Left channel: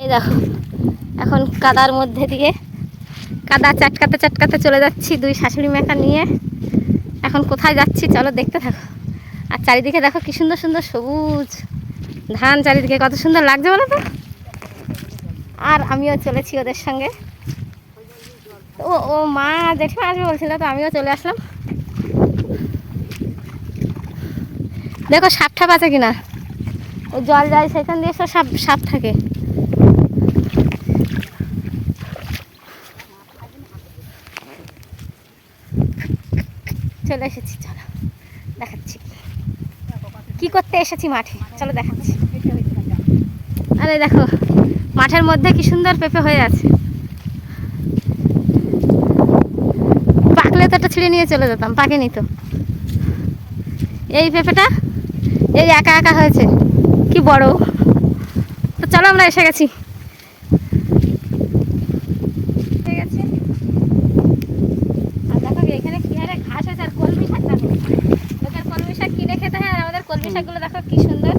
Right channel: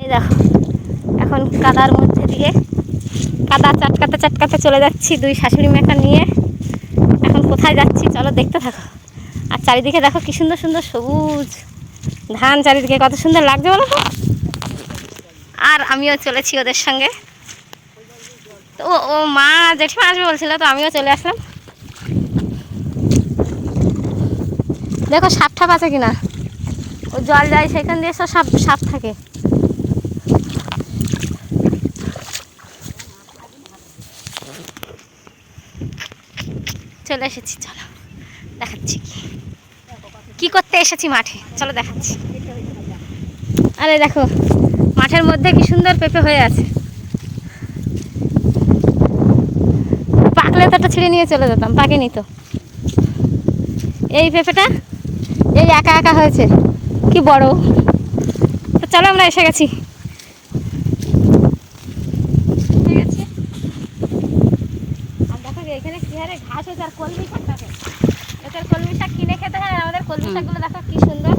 এই দেখো এখন কাদার মধ্যে দিয়ে কাদা চাটকাতে চাটকাতে চলে যাচ্ছি দুই শাশুড়ি মেকা নিয়ে। এখন কোথায় যাচ্ছি চলো দেখতে থাকো। আর চারিদিকে দেখো কি সুন্দর সুন্দর সবুজ ধান, চারিদিকে কত সুন্দর লাগছে বলো তো। আর আমিও চলেছি ওদের সঙ্গে। তো ও মা জেঠিমা আসবে বলছিল, তো আমিও চলে আসলাম। দেখো সাপ ঠাপ আছে কিনা, ও জল যায় সেখান দিয়ে সব সাপ সাপ থাকে। চলে এসেছি, চলো দেখাচ্ছি কি করতে এসেছি মাঠে, চলো দেখাচ্ছি। আরে দেখো মাঠের মধ্যে কি সুন্দর পেঁপে হয়ে আছে। পাকলে তো একটা ছিঁড়ে নিয়ে চলে যেতাম, পাকেনি তো। এই পেঁপেটা এই একা একা হয়েছে, কি বড়। তো চলো আমরা এসে গেছি। ঠিক আছে, আর দেখো এখানে কি হারে ঘাস হয়েছে, আর কলমি শাক দেখো। লোকের কলমি শাক কিনে খেতে হয়, আমাদের কলমি শাকগুলো দেখো কি সুন্দর।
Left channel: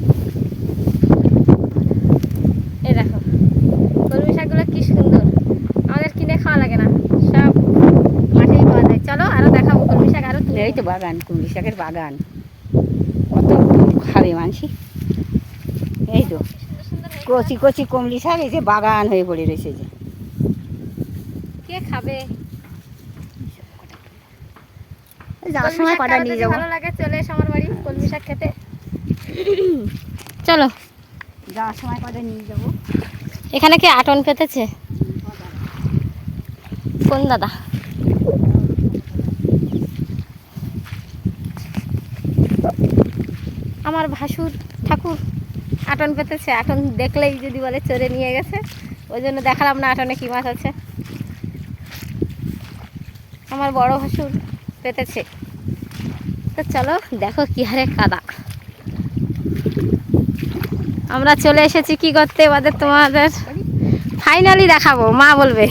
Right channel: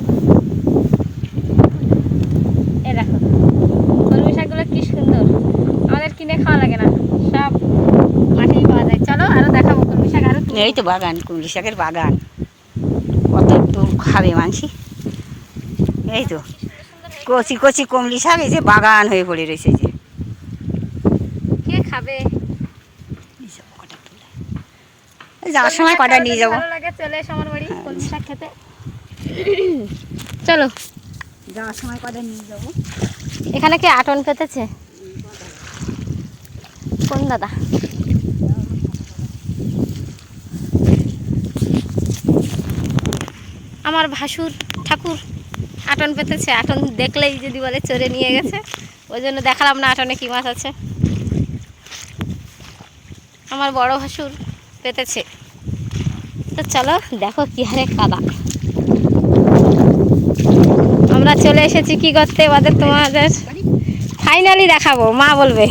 এই দেখো কলমি শাকগুলো কি সুন্দর, আমাদের কিনে খাওয়া লাগে না, সব মাঠেই পাওয়া যায়। চলো আরো দেখাবো কলমি শাক। আরো এই তো বাগান, কুমড়ি শাকের বাগান, কত দূর খাবে মানসি। এই তো কচি কচি কুমড়ি শাক, এই যে বাগান হয়ে পড়ে রয়েছে। যে কে খাবে, যাওয়ার সময় কটা নিয়ে যাবো। ভালো লাগে, চলে এসো আমার বাড়ি কলমি শাক খেতে। চলো যাওয়ার সময় কটা নিয়ে যাবো। এখানে কি আটন পেতেছে কোন দাদা? আমার ভাসুর ঠাকুর আটন পেতেছে। আটন দেখলেই যদি বলে চড়ে নিয়ে গেছে, ওই জন্য দেখালাম না আটনে কি মাছ আছে। আমার বড় ভাসুর পেতেছে। তো চলো দেখো কি হারে কাদা। আমরা চলে এসেছি কি করতে, তোমাদের ফাইনালি দেখাবো, মা বলবে।